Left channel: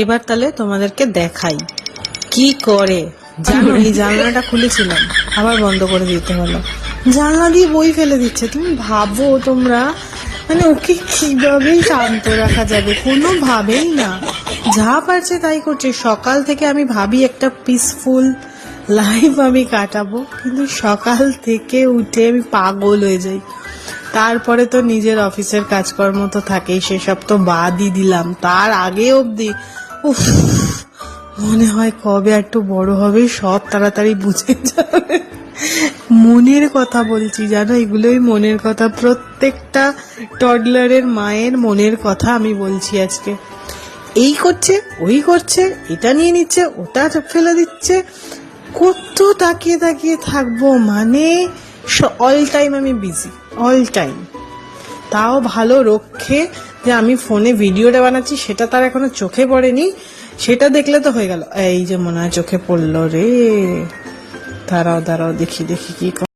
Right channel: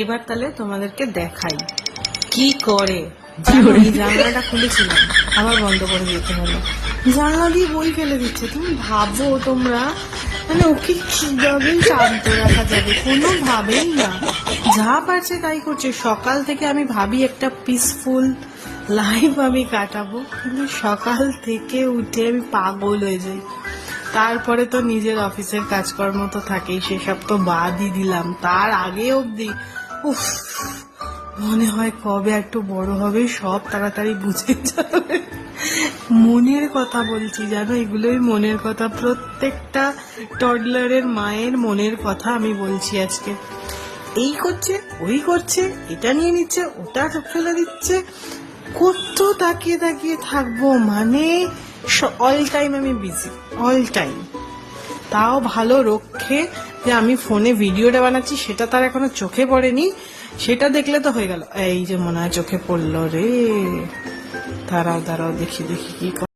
এবার তাহলে তোমাদেরকে দেখাই কি করে। জানলাটা খুলেছিলাম, আবার বন্ধ করে দিতে হলো। জানলা দিয়ে বই ফেলে দিচ্ছে। তুমি ভাবো তোমরা, মানে ওকে কিভাবে শান্ত রাখা যাবে? কোনোভাবেই না, যা পারছে তাই করছে। সকাল থেকে আমি ভাবি একটা পিসফুল লাইফ আমি কাটাবো, কিন্তু সকাল থেকে উঠে আমি পাগল হয়ে যাই। তারপরে তো নিজের অফিসের কাজকর্ম তো থাকেই, সেসব তো বাদই দিলাম। তার আগে অবধি উফ, মনে হয় কবে একটু বড় হবে, সব তাড়াতাড়ি বুঝে যাবে। মনের কথা বলছি, জানো, এগুলোই মনের কথা। প্রত্যেকটা টডলারের মায়ের মনের কথা আমি বলছি আজকে। এই করছে, ওই করছে, এটা নিয়ে নিচ্ছে, ওটা ফেলে দিচ্ছে। কত তাকিয়ে তাকিয়ে থাকবো? মানে অল টাইম আমি বিজি, অল টাইম। তাও ভালো রক্ষে যে আমি ফোনে ভিডিওটা বানাচ্ছি, সেটা তার এখনো চোখে পড়েনি। সেটা দেখলে তো হয়ে গেল। এই যে মনে হয় চোখে পড়লো রে, দাঁড়াও দাঁড়াও, দেখি দেখি কি